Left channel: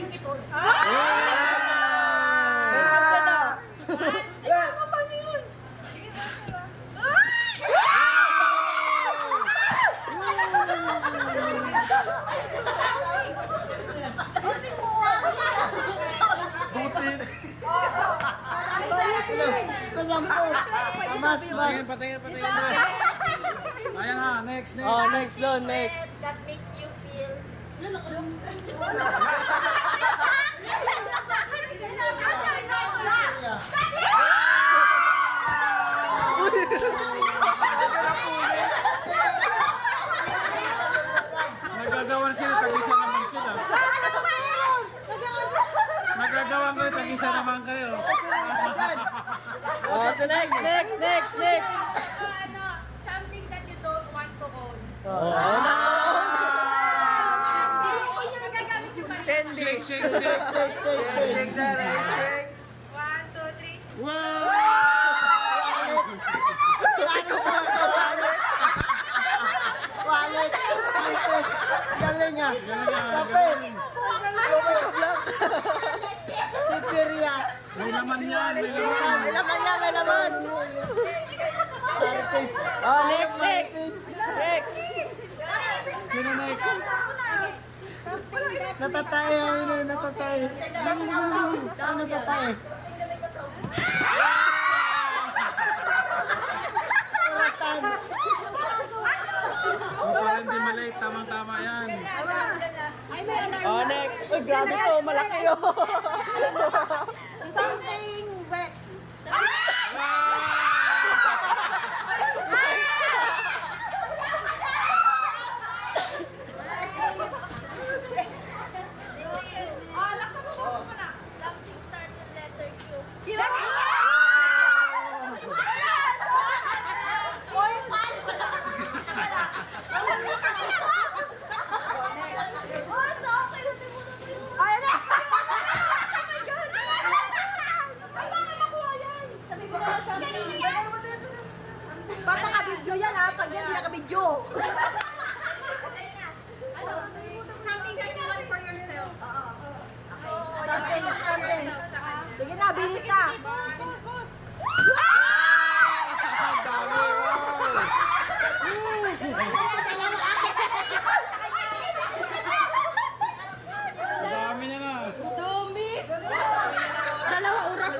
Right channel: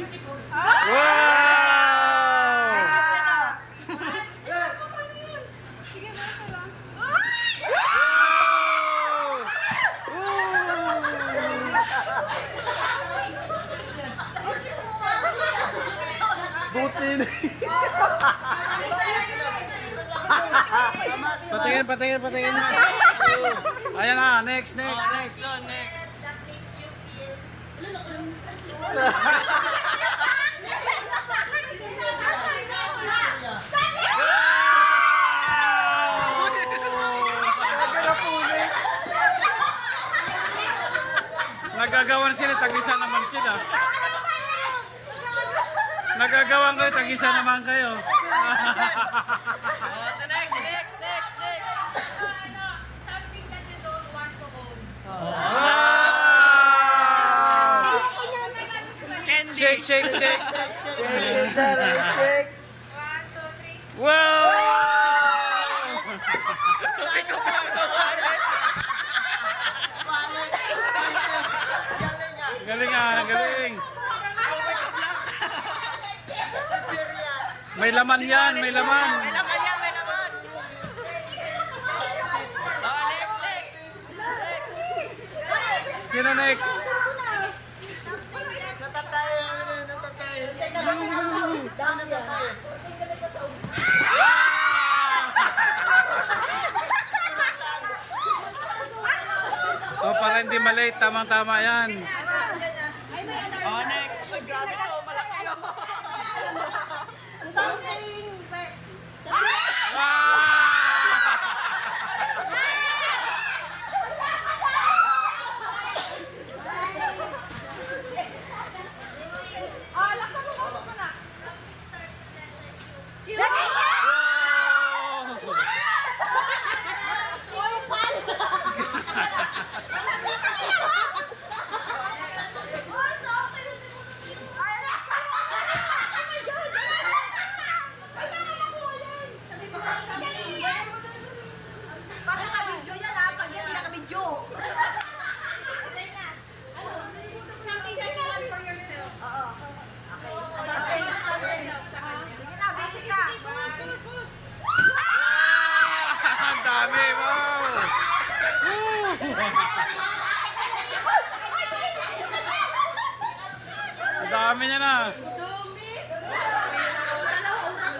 beautiful. Wow! Butin. Patingin. Ayan na, next. Go, next. That makes you feel... Ano, nakulong? Nagagawan sila, tag-isa naman sila. Nagagawan kayo, tag-isa naman kayo. Oh, so next. Something that you don't want to own. Candy. Shake. 1, 2, 3. Wow! Galing. May laman yan, may laman. May laman. Oh, next. Sino next? Natatay. Oh, para hindi malate, tamang-tama yan. Oh, next. Uy, grabe to. Malaki yun. Something wet. Bata ka video yan ha, pag yan hindi naka-video. Ano? Something that you want for yourself. Oo. Sige na, bilis na. Ang dami, wow! Ang dami niya na. Dumi. Dalawa oras.